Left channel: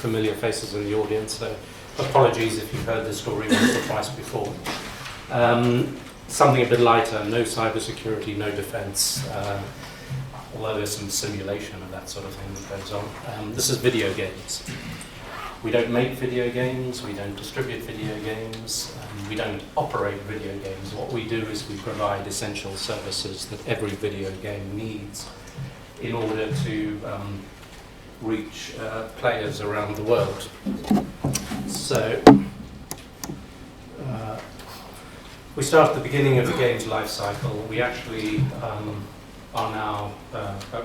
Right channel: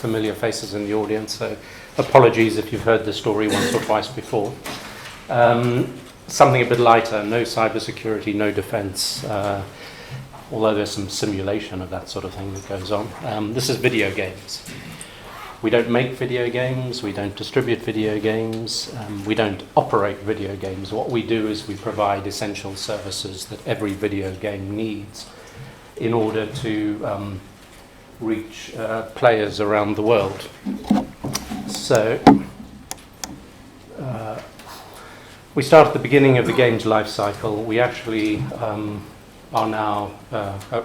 familiar faces in the audience, so apologies if you've heard the story once or twice before. Something a bit lighter, no cybersecurity, no defense, although there's some simulation of that sort of thing that goes on. This is video games. We don't make video games, we don't distribute video games, we don't operate video games. What we do is we provide essential services that every video game needs in order to reach players around the world. So, we start at the beginning of the games lifecycle. We actually are now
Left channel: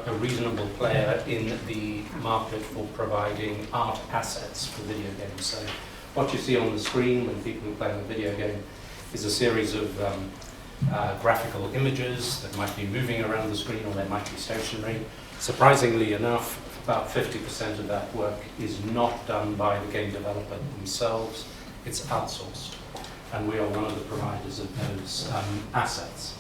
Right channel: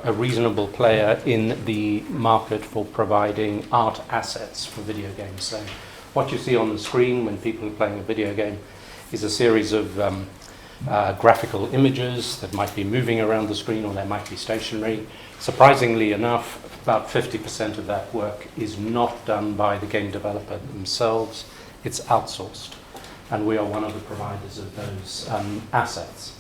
a reasonable player in the market for providing art assets for video games. So what you see on the screen when people are playing a video game is a series of graphical images that might be moving around the screen or they might be stationary. Surprisingly enough, about 50% of that work is not done by the game developer themselves, it's outsourced. And we are one of the providers of those assets.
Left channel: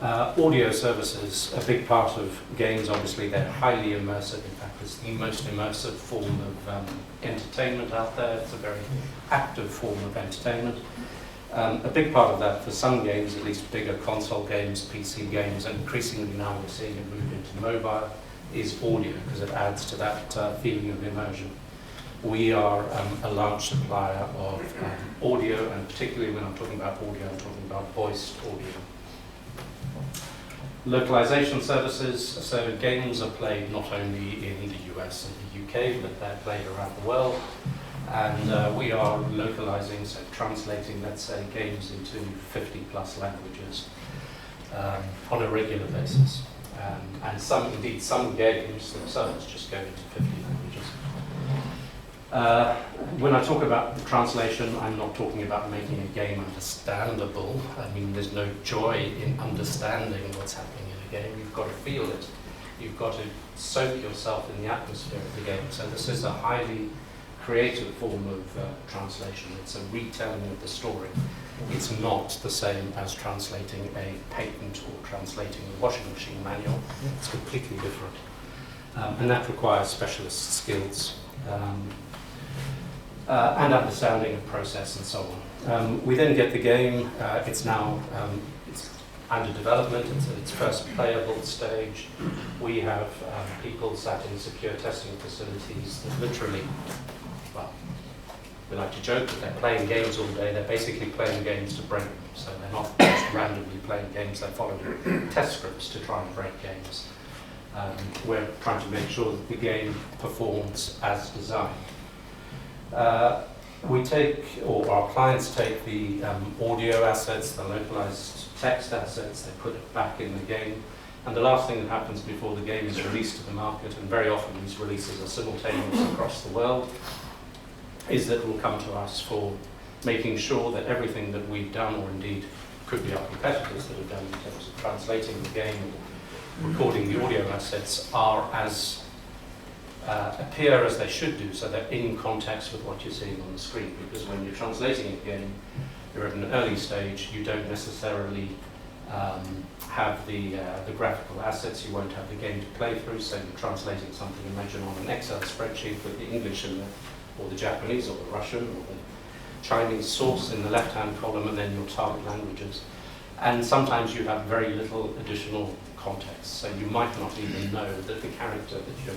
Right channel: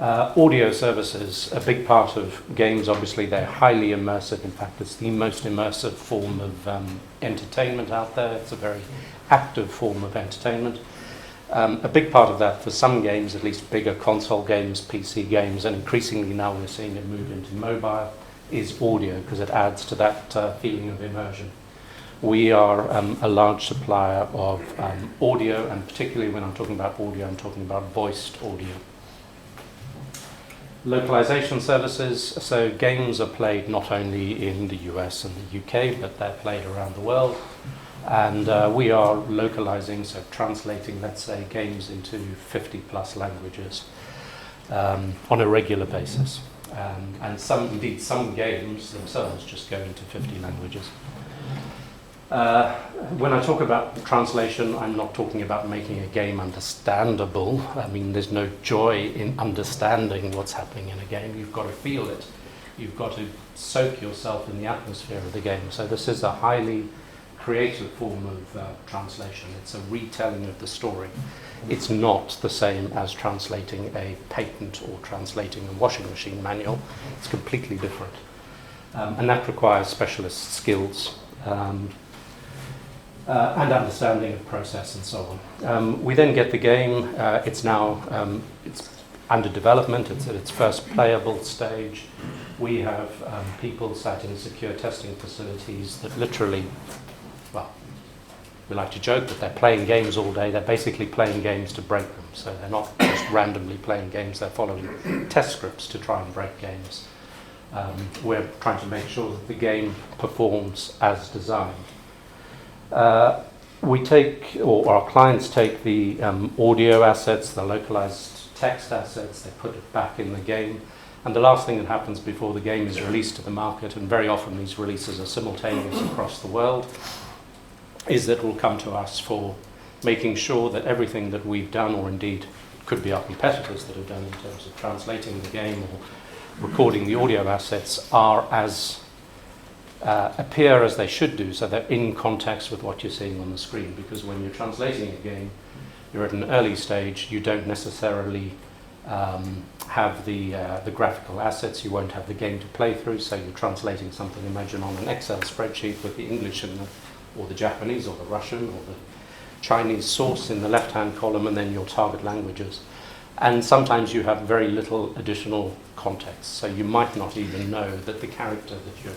Audio services, a big part of games, obviously they're highly immersive. In fact, it's the most immersive form of entertainment out there. It's a very active form of entertainment. A big part of that for some games, at least bigger console games, PC games, and increasingly now we're seeing it move into mobile, is audio because it adds to that feeling of immersion. We are a large supplier of audio, and particularly when I'm talking about audio, I'm talking about voiced audio. Localization services, so games are played not only in the US and the UK, but they're played around the world. And we are localizing, so translating, let's say, games into 50 plus languages on a regular basis. And some games themselves just go into 50 languages. When I talk about translation, I'm not talking about making a game understandable. I mean, there's no joy in understanding what's happening in a game. You've got to feel it. You've got to soak yourself in the atmosphere of the game. So this is a highly creative form of translation. It's a retelling of the story. It's not the same as translating a patent or translating a washing machine manual. It's completely different. And that requires specialist skills. And understanding of process and so on. We then get the game. It's now it's under development. It's at its first playable stage. We have people sat in secure testing facilities that literally, well, we like to joke that they're playing games all day. They're basically playing games to break them. So they're not just randomly playing games. They're following test scripts to try and break games. We're trying to make sure that the game performs as designed. We take, or our clients take the audio assets, the localized text assets, they put it back in the game, and the last thing that happens before the game is released to the market, and very often these releases are simultaneous across the world, is that will come to us for making sure that everything that we've done, or indeed could be our competitors that have done in terms of translating the game or recording the audio assets, are as appear as they should do, so they're in context with what you're seeing on the screen. Because when you're translating a game, you're at an early stage, you don't necessarily have the graphical assets, you won't have the game to play through, so you're translating something, imagine on an Excel spreadsheet with the English and or the Japanese or the Russian or the Chinese source in the left-hand column and then your target languages. And sometimes you have very little additional context, so you might not even know that the character that you're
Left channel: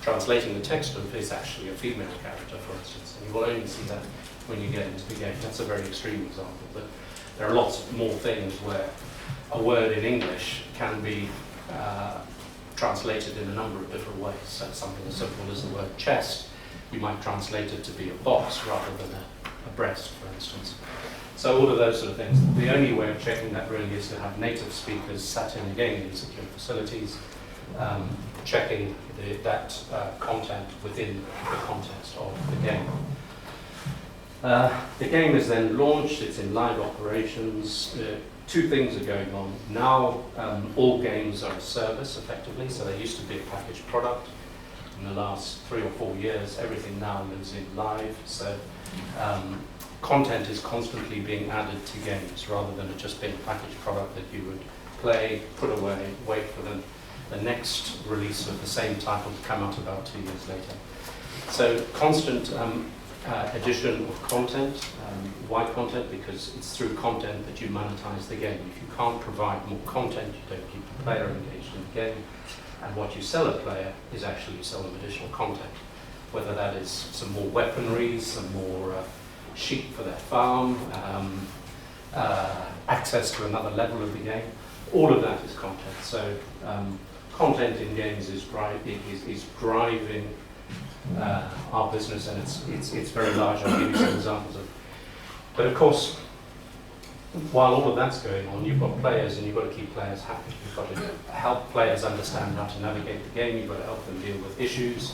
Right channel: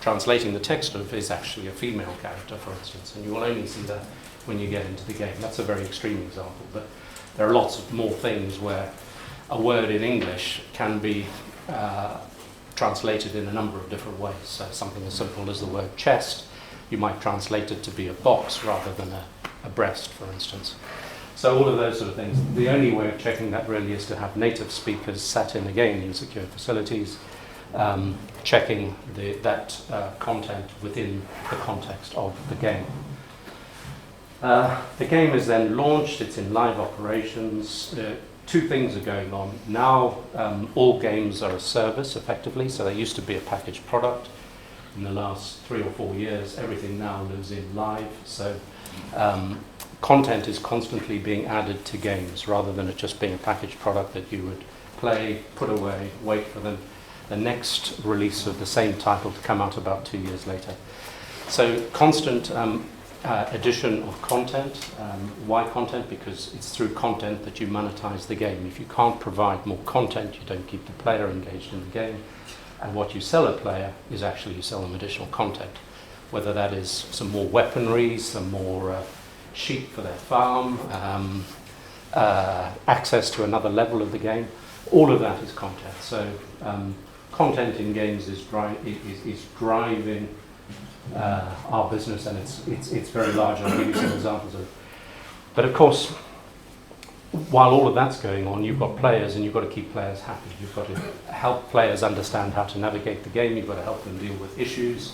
translating the text of is actually a female character, for instance, and you will only see that when you get into the game. That's a very extreme example, but there are lots of more things where a word in English can be translated in a number of different ways. So something as simple as the word chest, you might translate it to be a box rather than a breast, for instance. So all of those sort of things. The only way of checking that really is to have native speakers sat in again in secure facilities, checking that content within the context of the game. The game is then launched, it's in live operations. Two things are going on. Now all games are a service effectively, so they used to be a packaged product. In the last 3 or 4 years, everything now lives in live, so content is constantly being added to games rather than it just being a packaged product that you would play, put away, wait for the next release of the same title to come out about 2 years later. So constant addition of content. Why content? Because it's through content that you monetize the game. If you can't provide more content, you don't keep the player engaged in the game. And what you sell a player is actually you sell them additional content. Whether that is some more weaponry, some more sheep for their farm, access to another level of the game. All of that is content. So content in games is driving our business, and it's very large. I'll give you some examples of it. But of course, while all of that's going on, you've got players, and you've got to keep players happy. You've got to help players understand how to navigate the game. You've got to help them deal with issues.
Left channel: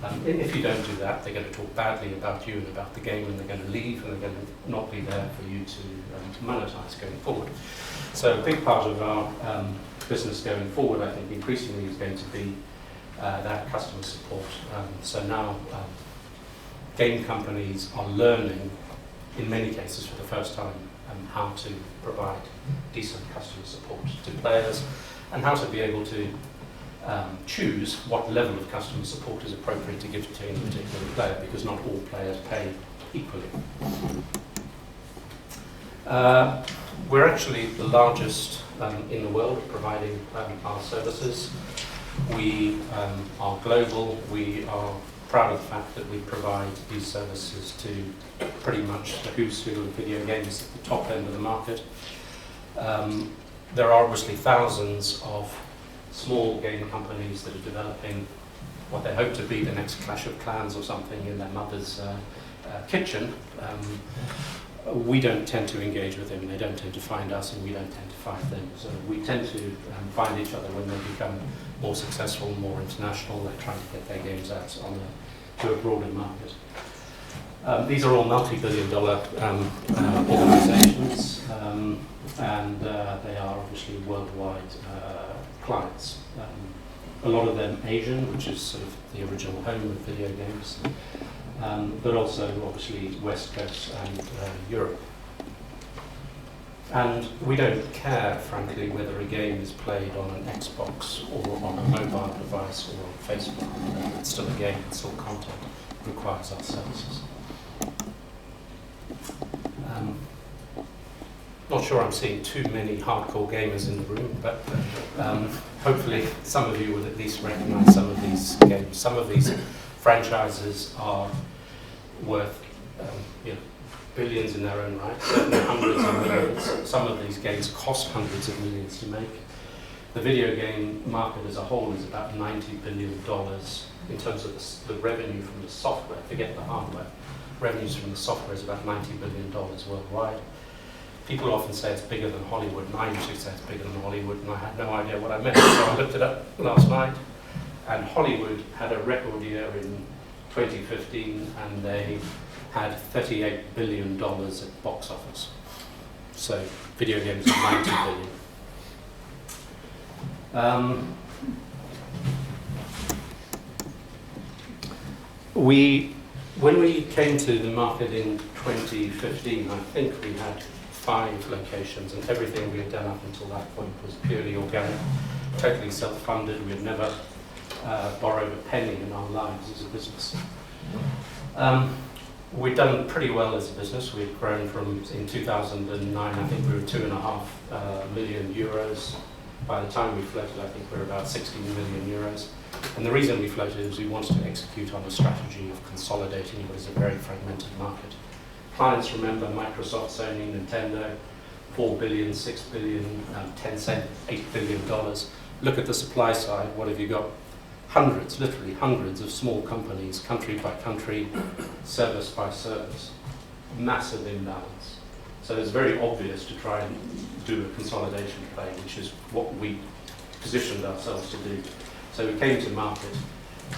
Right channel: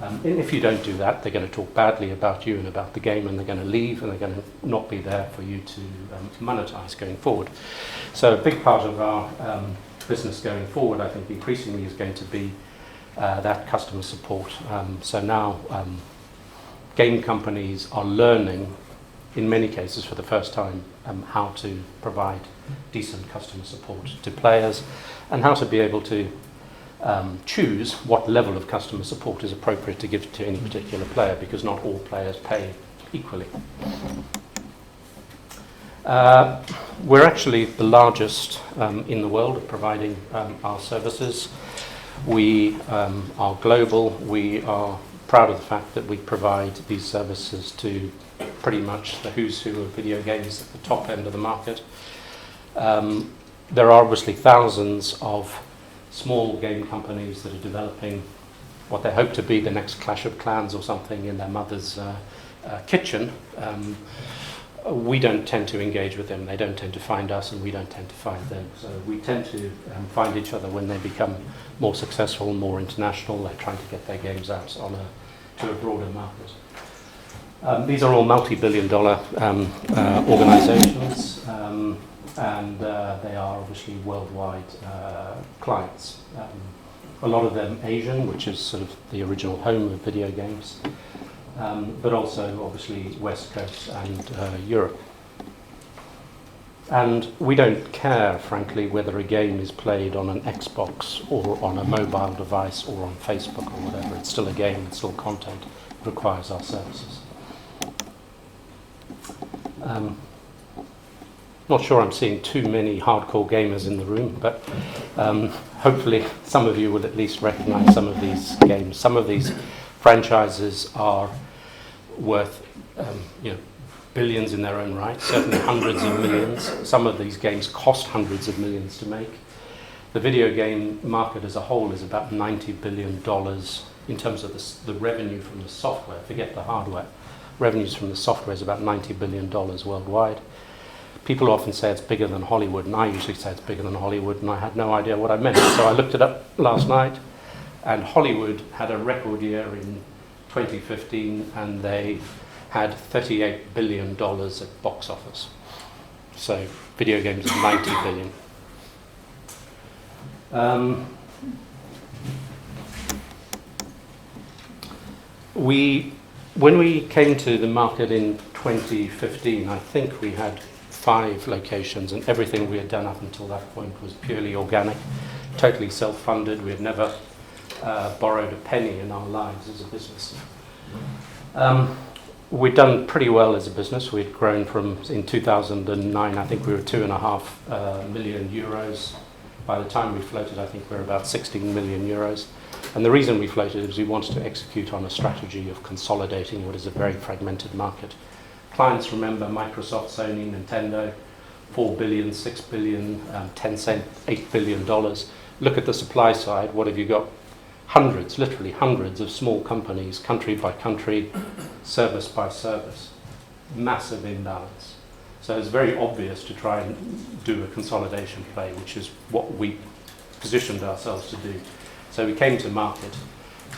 And if you don't do that, they're going to talk badly about you and about the game, and they're going to leave, and they're going to not be there for you to monetize going forward. So a big part of our business going forward, I think, increasingly is going to be that customer support. So now game companies are learning, in many cases for the first time, how to provide decent customer support to players, and how to be able to choose what level of customer support is appropriate to give to any particular player, because not all players pay equally. We're actually the largest in the world at providing our services. We are global. We are proud of the fact that we provide these services to pretty much the who's who of video games at the top end of the market. There are obviously thousands of small game companies that are developing what they hope to be the next Clash of Clans or something in their mother's kitchen. We don't tend to engage with them. They don't tend to find us, and we don't tend to find them. So we tend to find each other when they become more successful, more international. They're trying to get their games out to a broader market. These are all multi-billion-dollar organizations, and they are obviously worldwide clients. A lot of them Asian, which is sort of the original home of video games, but also obviously West Coast and Europe. And we don't care, frankly, whether a game is played on an Xbox or on a mobile device or on Facebook or whatever. It's still a game, it's still content. It requires our services. Not sure I'm seeing too many hardcore gamers in the room, but hopefully some of you will at least recognize some of these games. Some of these franchises are worth billions in their own right, certainly hundreds of millions. Some of these games cost hundreds of millions to make. The video game market as a whole is about $90 billion in terms of the revenue from the software. Forget the hardware. Revenues from the software is about $90 billion worldwide. People often say it's bigger than Hollywood, and I usually say it's bigger than Hollywood, and I had no idea what I meant. So I looked it up last night, and Hollywood had a record year in 2015, and they had $38 billion at box office. So video games are $90 billion. When we came to the market in 2015, I think we had 5 locations, and everything we had done up until that point was purely organic, totally self-funded. We had never borrowed a penny in our lives as a business. We'd done pretty well as a business. We'd grown from, in 2009, I think we were 2.5 million euros. By the time we floated, I think we were about 16 million euros. And the reason we floated is we wanted to execute on a strategy of consolidating what is a very fragmented market. Clients remember Microsoft, Sony, Nintendo, $4 billion, $6 billion, Tencent, $8 billion. Look at the supply side. What have you got? Hundreds, literally hundreds of small companies, country by country, service by service. Massive imbalance. So it's very obvious to try and do a consolidation play, which is what we positioned ourselves to do. So we came to market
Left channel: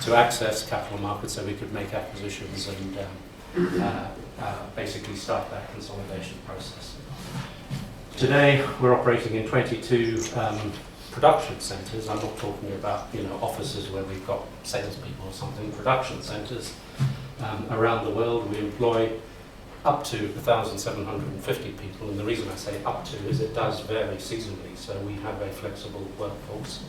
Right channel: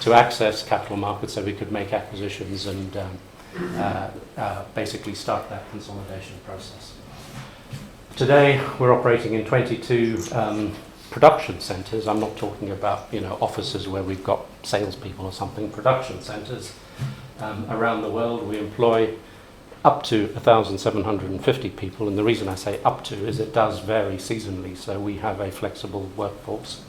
to access capital markets so we could make acquisitions and basically start that consolidation process. Today we're operating in 22 production centres. I'm not talking about offices where we've got salespeople or something. Production centres around the world. We employ up to 1,750 people, and the reason I say up to is it does vary seasonally, so we have a flexible workforce.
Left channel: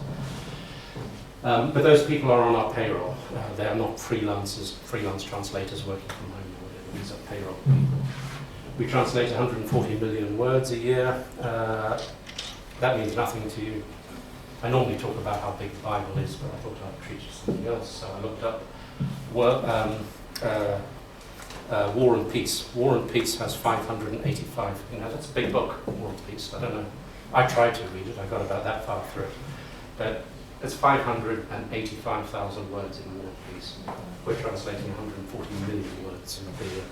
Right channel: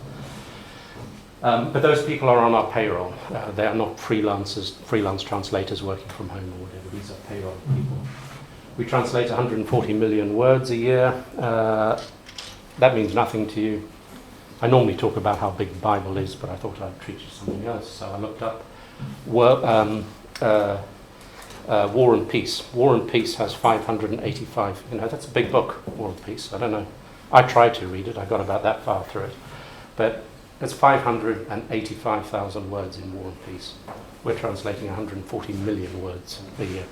But those people are on our payroll. They are not freelance translators working from home or whatever. These are payroll people. We translate 140 million words a year. That means nothing to you. I normally talk about how big the Bible is, but I thought I'd treat it as something else. So I looked up War and Peace. War and Peace has 585. That's a big book, War and Peace. I don't know. I tried to read it. I got about that far through it. But it's 585,000 words in War and Peace. We're translating 140 million words a year.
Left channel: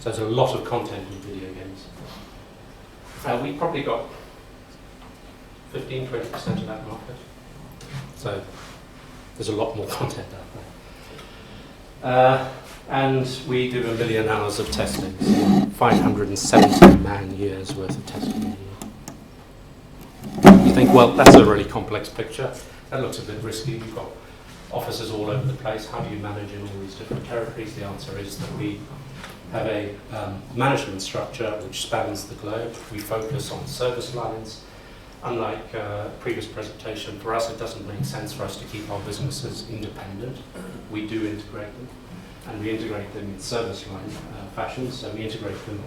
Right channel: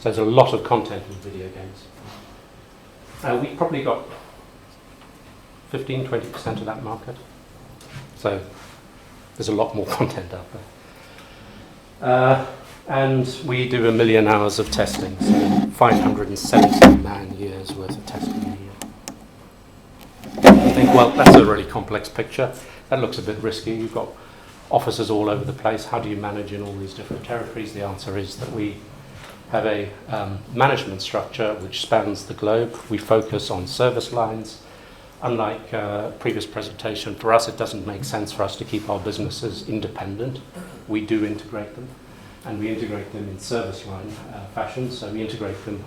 So there's a lot of content in video games. We probably got 15-20% of that market. So there's a lot more content out there. And we do 1 million hours of testing, so 570 man-years worth of testing a year. You think, well, that's a really complex picture. That looks a bit risky. You've got offices all over the place. How do you manage in all these different territories? The answer is that we have a management structure which spans the globe. We focus on service lines. Unlike previous presentation, for us it doesn't make sense for us to keep our businesses independent. We do integrate them, and we integrate them in service line fashion. So we integrate them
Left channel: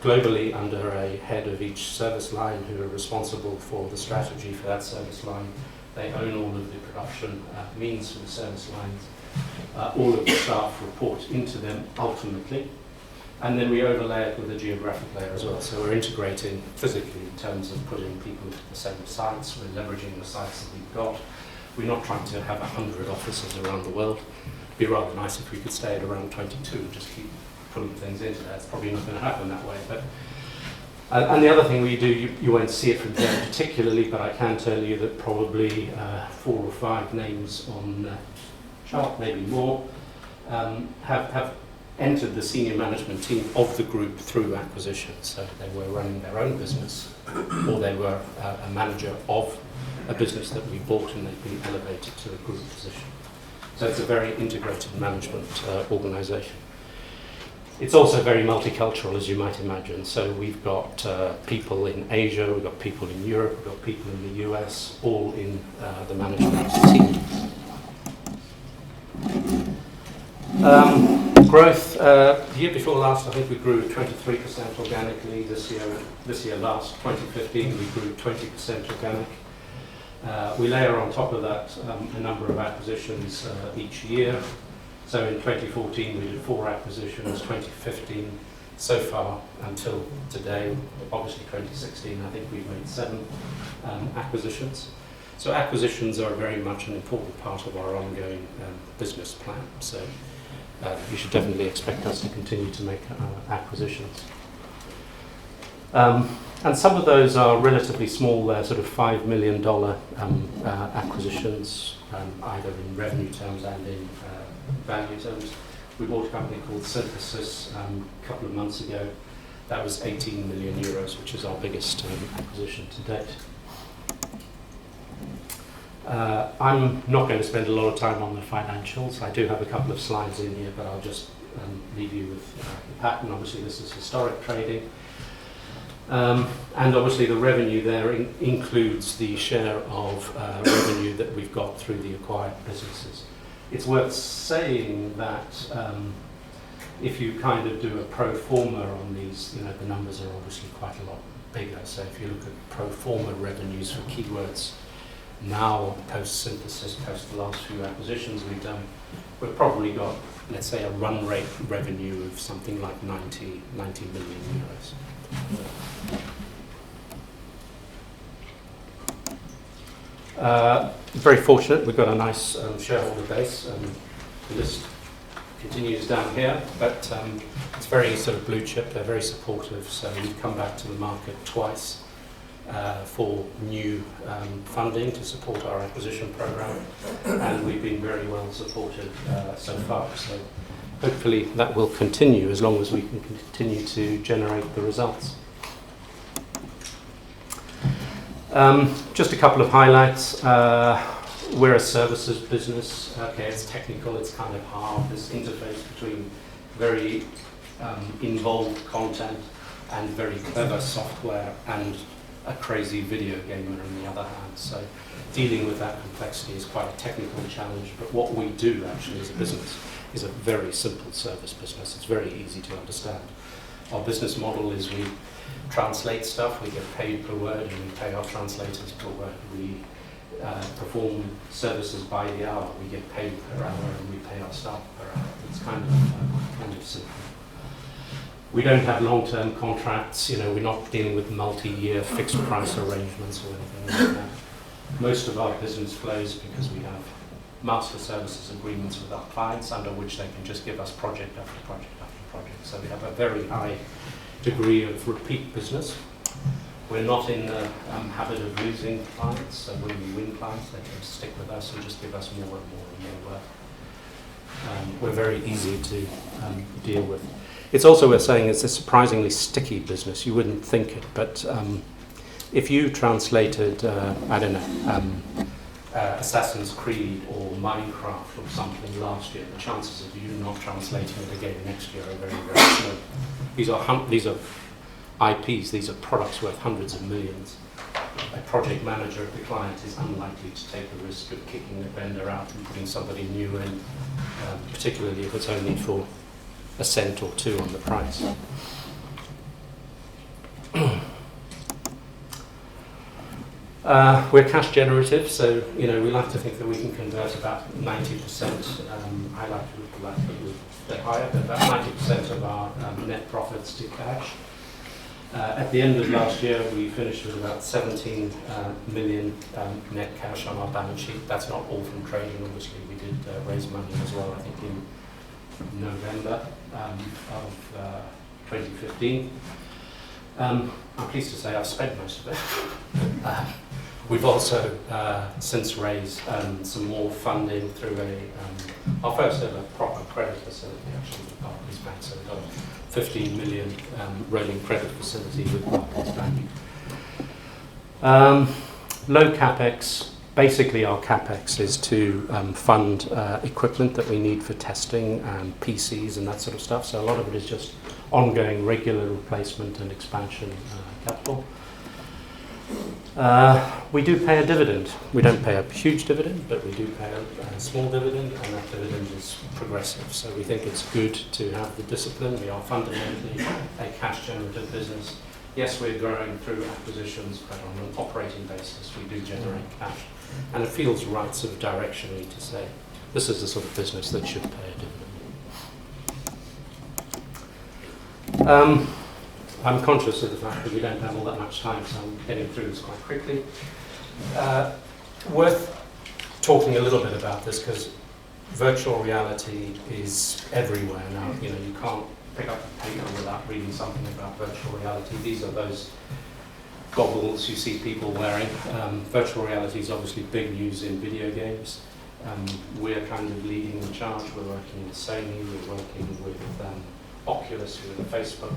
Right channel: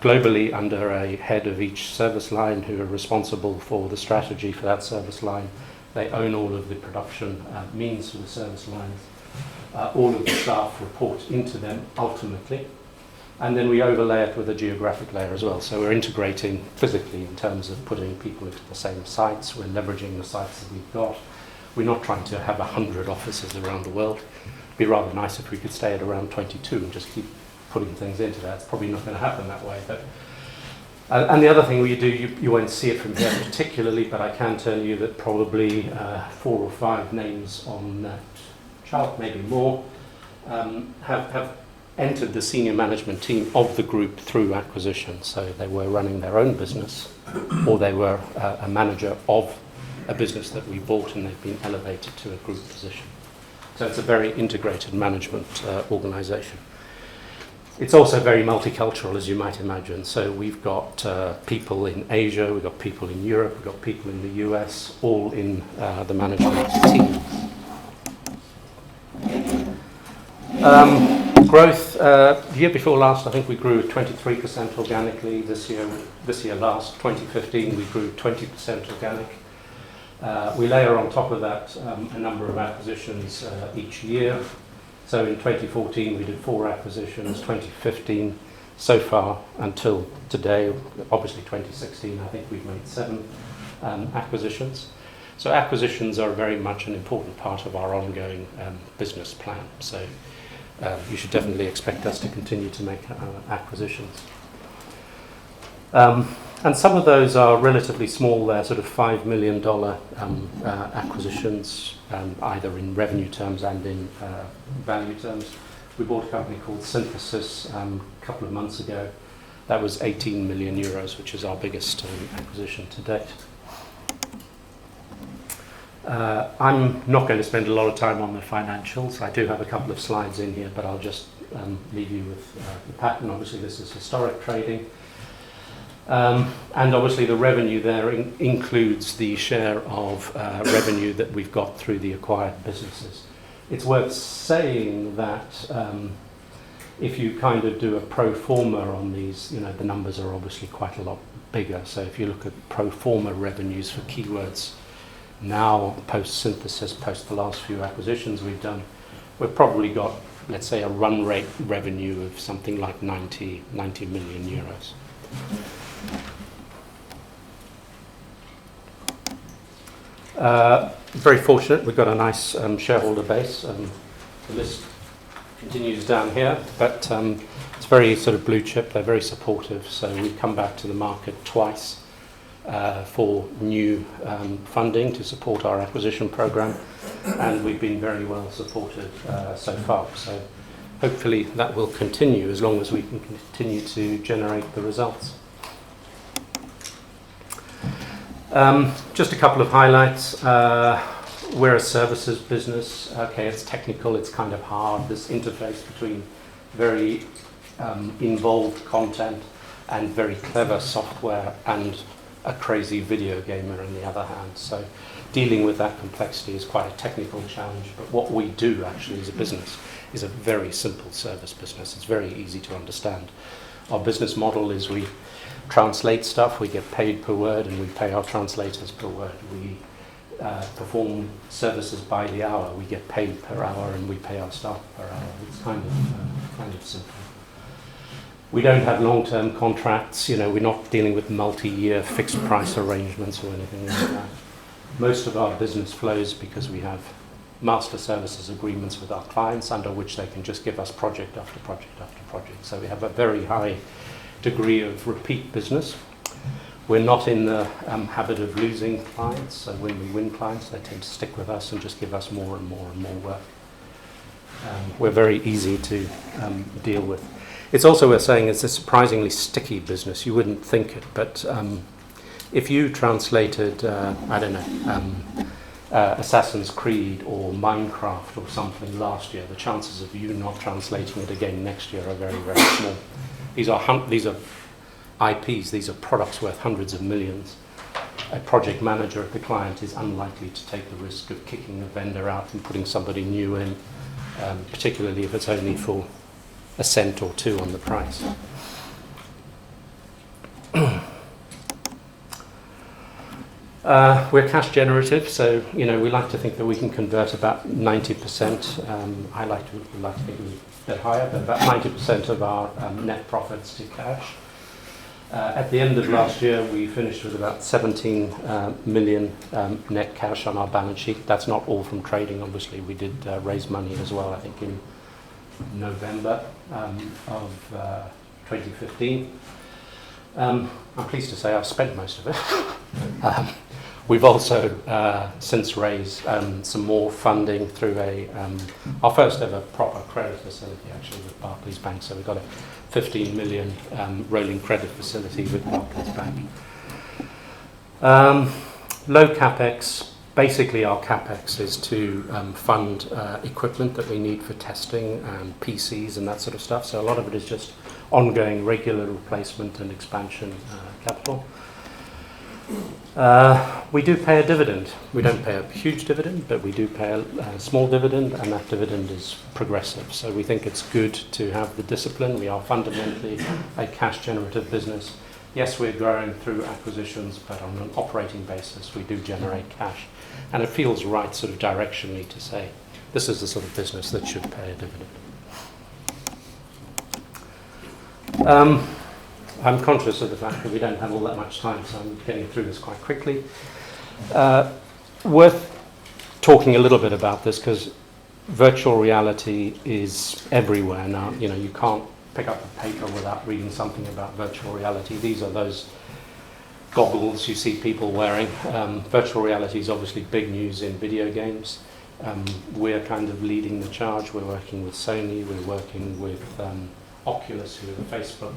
globally under a head of each service line who are responsible for the strategy for that service line. They own all of the production means for the service lines. All of the staff report into them ultimately. And then we overlay it with a geographic layer as well. So we're integrating physically in terms of putting people into the same sites. We're leveraging the sites that we've got. We're not trying to have 100 offices around the world. It'd be rather nice if we could stay at around 22 and just keep putting things into that. It's probably not going to happen that way. But and the other thing we do, you won't see it from here particularly, but I can tell you that probably 4 or 5 names on that chart, maybe more, have entered the senior management team of the group through acquisition. So they were running their own business, or they were a manager of a business that we bought, and they've been elevated to a group position. So it's a very integrated management organisation. It's also very multicultural, as you might imagine. So we've got people in Asia, we've got people in Europe, we've got people in the US, all in the management team. Growth, the year before last, I think we grew 23% organically. This year last, 2015, we grew 20% organic. We layer on top of that a number of acquisitions each year. So in 2014, we did 4 acquisitions. 2015, so far until today, obviously 2016, I think we've made 7 acquisitions. So acquisitions are very much an important part of our ongoing business plan. So you should definitely expect us to continue to make acquisitions. And some of those are relatively small. They're sort of $5 million acquisitions, either in revenue terms and in value terms. We bought a company called Synthesis a couple of months ago. That was 18 million euros, which is our biggest acquisition to date. I'm not going to spend a lot of time on the financials. I do have a couple of slides in here, but I'll just leave you with the pattern. Obviously, this is historic trading. And obviously the revenue there includes the share of revenue that we've got through the acquired businesses. It's worth saying that if you kind of do a pro forma on these, the numbers are obviously quite a lot bigger. So if you look at pro forma revenues for Keywords now, post-synthesis, post the last few acquisitions we've done, we've probably got, let's say, a run rate revenue of something like 90 million euros. Very fortunate, we've got a nice shareholder base. The list continues down here, but it's very sort of blue chip. They're very supportive, so we've come back to the market twice for new funding to support our acquisition program, and we've been very well supported so far. So hopefully that will continue as long as we can continue to generate the results. Just a couple of highlights. We're a services business. Okay, it's technical, it's kind of hard, this interface between very involved content and very clever software and a crazy video gamer on the other hand. So dealing with that complexity is quite a technical challenge, but what we do actually as a business is a very simple service business. It's very easy to understand. Our business model is we translate stuff, we get paid per word, and we pay our translators per word. We perform services by the hour, we get paid per hour, and we pay our staff per hour. It's kind of simple. We don't have long-term contracts, we're not dealing with multi-year fixed price arrangements or anything like that. Most of our business flows because we have master services agreements with our clients under which they can just give us project after project after project. So we have a very high degree of repeat business. We're not in the habit of losing clients, so when we win clients, they tend to stick with us and just give us more and more and more work. We're very easy to deal with. It's also worth saying it's a surprisingly sticky business. You wouldn't think it, but if you translated, Assassin's Creed or Minecraft or something last year, the chances of you not translating it again next year are very, very small. These are IPs, these are products worth hundreds of millions. A project manager at the client is unlikely to take the risk of kicking a vendor out and putting somebody new in, particularly if it's only for a cent or two on the price. We're cash generative, so we like to think that we can convert about 90%. I like to think a bit higher, but about 90% of our net profits to cash. At the end of last year, we finished with about 17 million net cash on our balance sheet. That's not all from trading, obviously. We did raise money as well, I think in November of 2015. I'm pleased to say I've spent most of it. We've also since raised some more funding through our first ever proper credit facility, actually, with Barclays Bank. So we've got a 15 million rolling credit facility with Barclays Bank. Low capex. Basically, our capex is to fund equipment that we need for testing and PCs and that sort of stuff. So a lot of it is just ongoing regular replacement and expansion capital. We do pay a dividend. We don't pay a huge dividend, but we do pay a small dividend, and that dividend is progressive. So we think it's good to have the discipline. We are fundamentally a cash generative business. Yes, we're growing through acquisitions, but on an operating basis, we do generate cash. And it feels right sort of directionally to say, this is the sort of business that should pay a dividend. I'm conscious of the fact that we don't have all that much time, so I'm getting through this quite quickly. Worth talking a little bit about this, because virtual reality is everywhere now. You can't pick up a paper without reading something about virtual reality. These are those goggles you see people wearing. Virtual reality is obviously big news in video games. We're kind of leading the charge. We're working with Sony, we're working with Oculus, who are Facebook.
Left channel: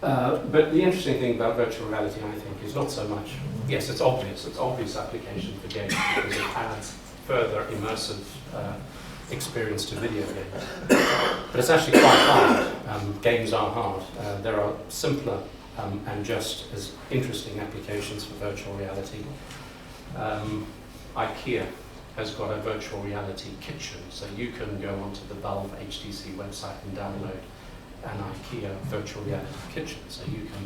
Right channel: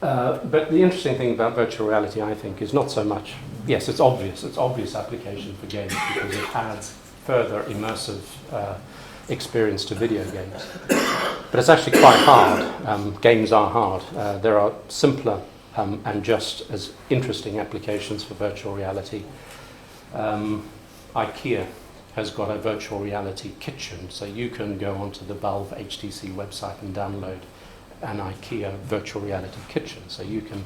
But the interesting thing about virtual reality, I think, is not so much, yes, it's obvious application for games because it adds further immersive experience to video games. But it's actually quite hard. Games are hard. There are simpler and just as interesting applications for virtual reality. IKEA has got a virtual reality kitchen, so you can go onto the Valve HTC website and download an IKEA virtual reality kitchen. So you can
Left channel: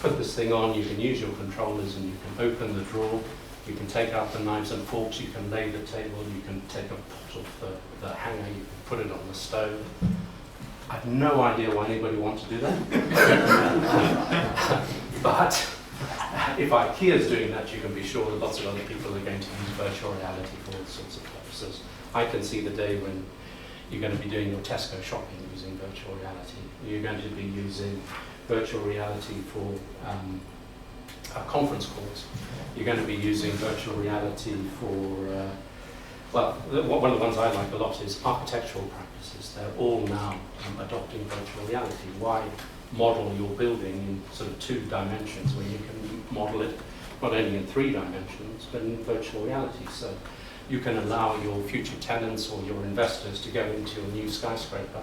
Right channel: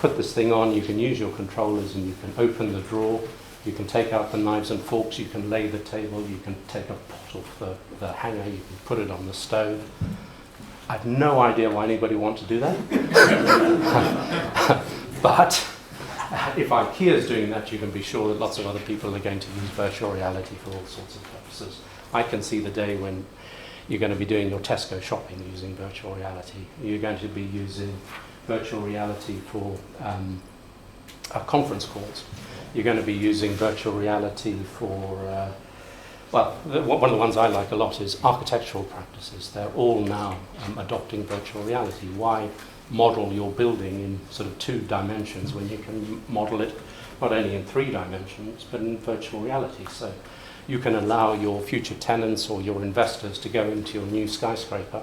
put this thing on, you can use your controllers, and you can open the drawer, you can take out the knives and forks, you can lay the table, you can take a pot of the hanger, you can put it on the stove. I have no idea why anybody would want to do that. But if IKEA is doing that, you can be sure that lots of other people are going to use virtual reality for all sorts of purposes. I can see the day when you're going to be doing your Tesco shopping using virtual reality. You're going to be using virtual reality for conference calls. You're going to be using virtual reality for, one of the ones I like a lot is architectural practices. They're all now adopting virtual reality. Why model your building in sort of 2 dimensions when you can model it not only in 3 dimensions, but in virtual reality? So you can allow your future tenants or your investors to go into your new skyscraper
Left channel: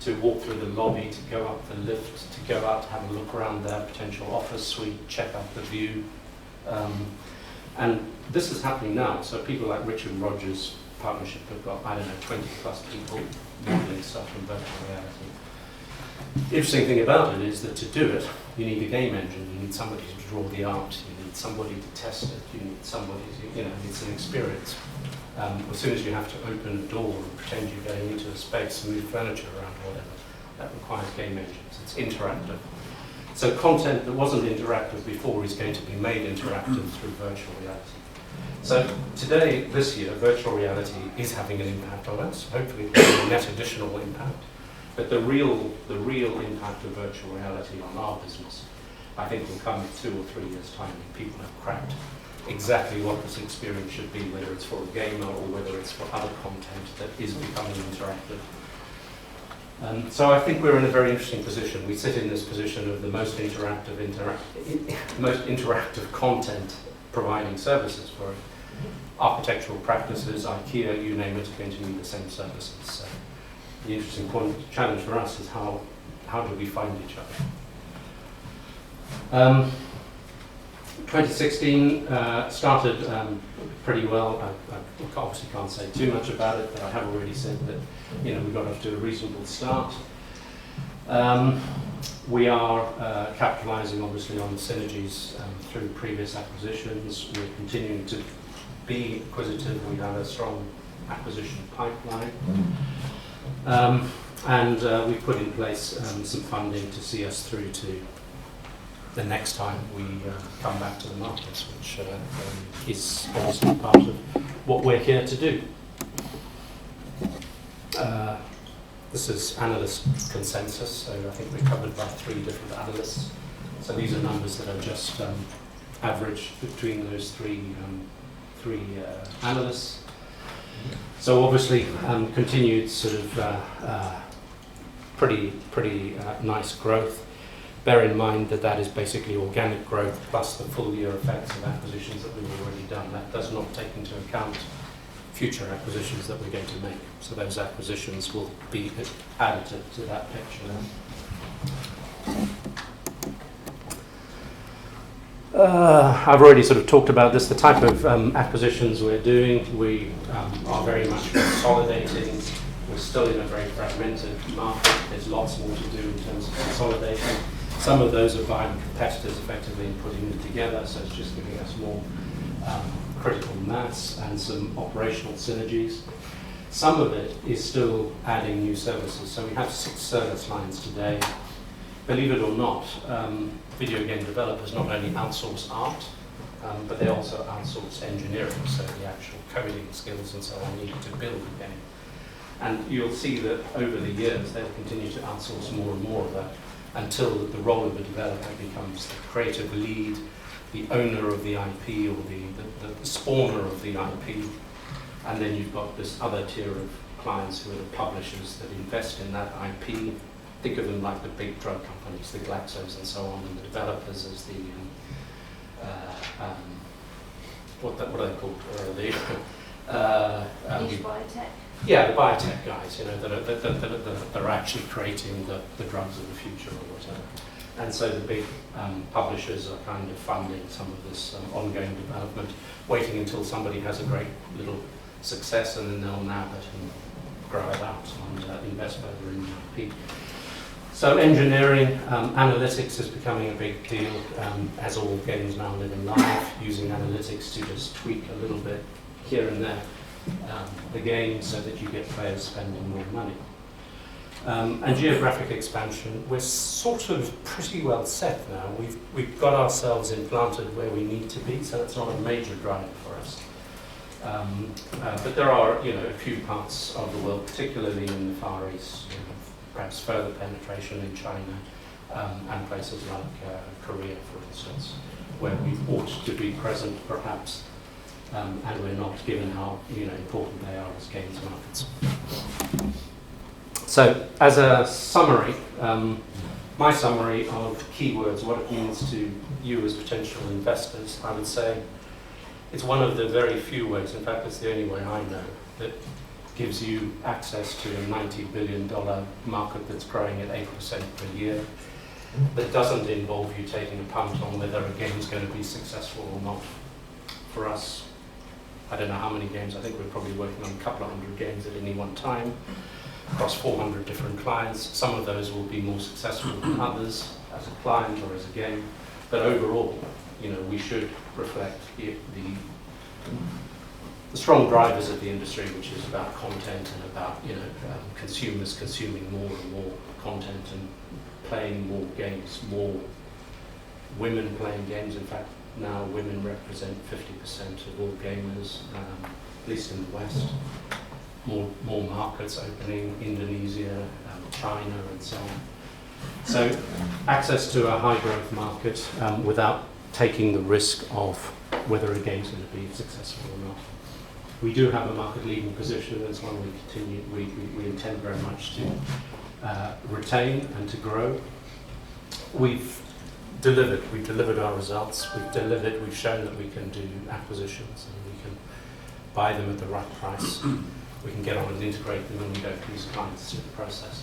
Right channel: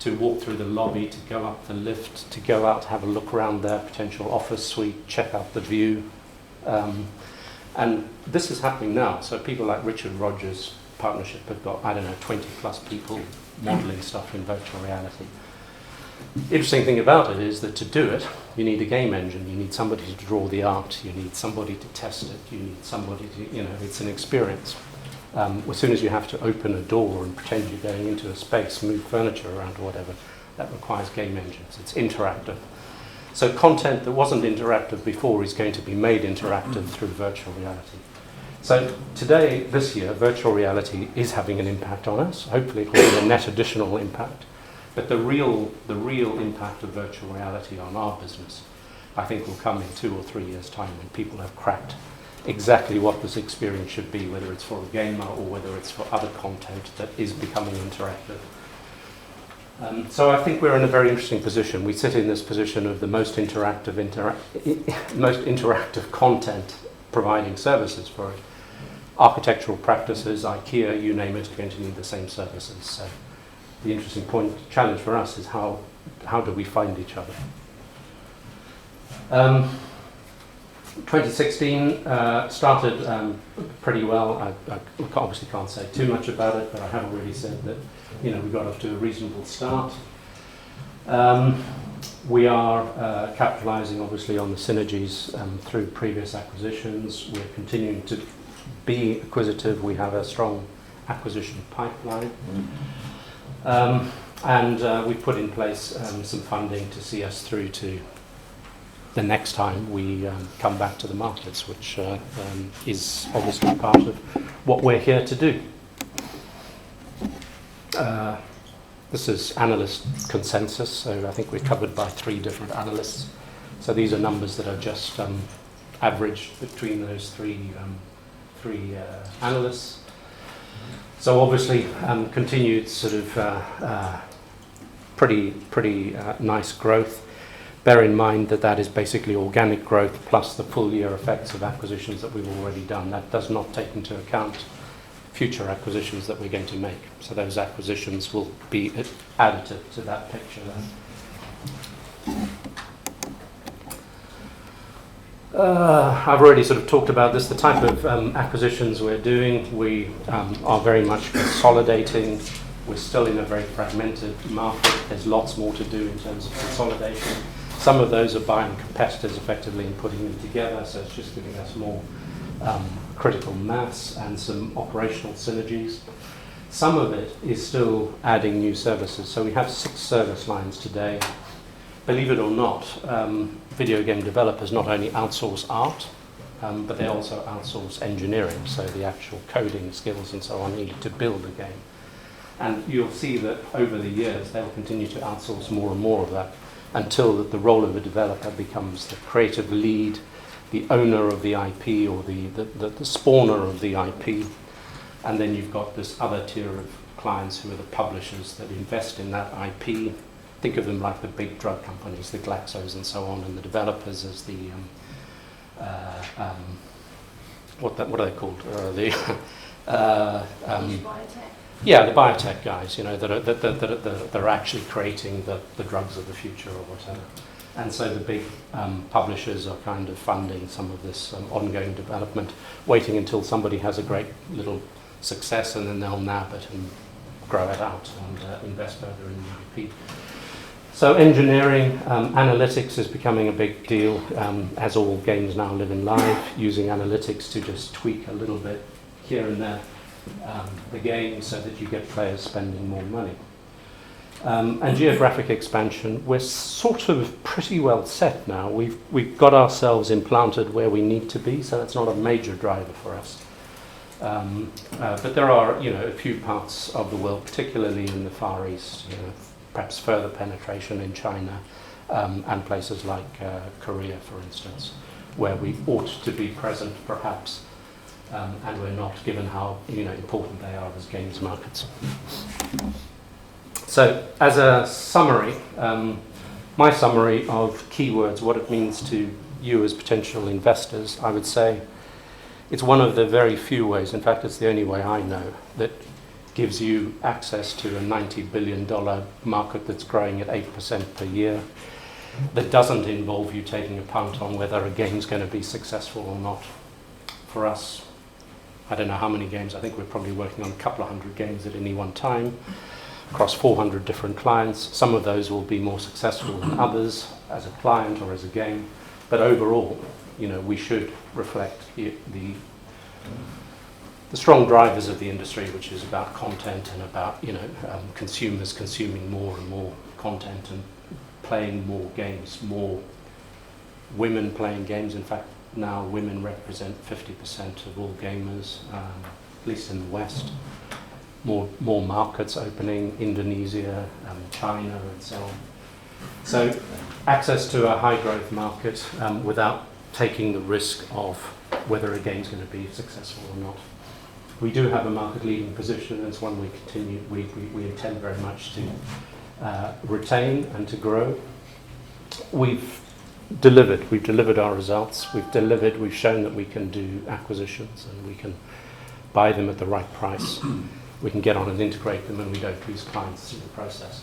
to walk through the lobby, to go up the lift, to go out, have a look around their potential office suite, check out the view. And this is happening now. So people like Richard Rogers' partnership have got, 20 plus people modeling stuff in virtual reality. Interesting thing about it is that to do it, you need a game engine, you need somebody to draw the art, you need somebody to test it, you need somebody to, it's an experience. As soon as you have to open a door and pretend you're going into a space, move furniture around or whatever, that requires game engines. It's interactive. So content that wasn't interactive before is going to be made interactive through virtual reality. So today, this year, virtual reality is having an impact on us. Hopefully it will have a net additional impact. But the real impact of virtual reality on our business, I think, will come in 2 or 3 years' time when people have cracked exactly what this experience should be, whether it's for a gamer or whether it's for other content that is becoming interactive. So I think we're in a very interesting position. We sit in this position of the most interactive content providing services for it. Architectural practices, IKEA, you name it, are going to need the same services. So the interesting challenge for us is how do we find each other? 2016 started pretty well. I obviously can't say too much about it, but I have already said that we got off to a reasonable start. We are capitalizing obviously on the synergies through previous acquisitions. We're continuing to be acquisitive. We have a strong acquisition pipeline. And we've put in place some funding to see us through to the next time we come back to the markets, which is obviously part of what we're here to do. This is Analysts Consensus, so I think we're covered by 3 different analysts. So these are numbers that are just averaged between those three analysts. So obviously continued sort of pretty nice growth. Bear in mind that is basically organic growth plus the full year effects of acquisitions that we've already done. That does not take into account future acquisitions that we're going to make. So those acquisitions will be additive to that picture. I've already sort of talked about this, the type of acquisitions we're doing. We are very much consolidating. We're still in a very fragmented market. There's lots more to do in terms of consolidation. Some of those are buying competitors effectively and putting them together, so it's just giving us more critical mass and some operational synergies. Some of it is still adding new services. So we have 6 service lines today. Believe it or not, video game developers not only outsource art, but they also outsource engineering, so the actual coding skills and so on needed to build a game. And you'll see that over the years they'll continue to outsource more and more of that until the role of a developer becomes the creative lead, the owner of the IP or the spawner of the IP. And then you've got this other tier of clients who are the publishers that invest in that IP. Think of them like the big drug companies, the Glaxos and so on, and the developers as the, what are they called? Biotech. Yeah, the biotech guys, that are actually creating the drugs of the future or whatever. And so the big publishers are kind of funding some of this ongoing development, waiting until somebody has a great little success and then they'll nab it and grow it out and invest further in the IP. So engineering, analytics is becoming a big deal, as all games now live in live, using analytics to just tweak a little bit here and there the game so that you get players spending more money. And geographic expansion, we're sort of pretty well set now. We've got ourselves implanted where we need to be, so that's not a major driver for us. But there are, a few parts of the world, particularly in the Far East, perhaps further penetration in China and places like Korea, for instance, where we ought to be present, perhaps, and we're not, given how important they are as games markets. So, as a summary, my summary of keywords, what it means to you as potential investors, I would say it's one of the very few ways, in fact it's the only way I know, that gives you access to a $90 billion market that's growing at 8% per year, that doesn't involve you taking a punt on whether a game's going to be successful or not. For us, I don't know how many games, I think we're probably working on a couple of hundred games at any one time, across 400 different clients. Some of those will be more successful than others as a client or as a game, but overall, we should reflect the strong drivers of the industry, which is about content and about consumers consuming more and more content and playing more games, more women playing games. In fact, now women represent 50% of all gamers, at least in the West. More markets opening, Indonesia, China, and so on. So access to a high growth market without taking the risk of whether a game's going to be successful or not. We do have a market leading position. That's one we intend very much to retain and to grow. We've delivered our results. We've shown that we can do acquisitions and we can buy them at the right price. We can get on and integrate them, and we don't lose clients through the process.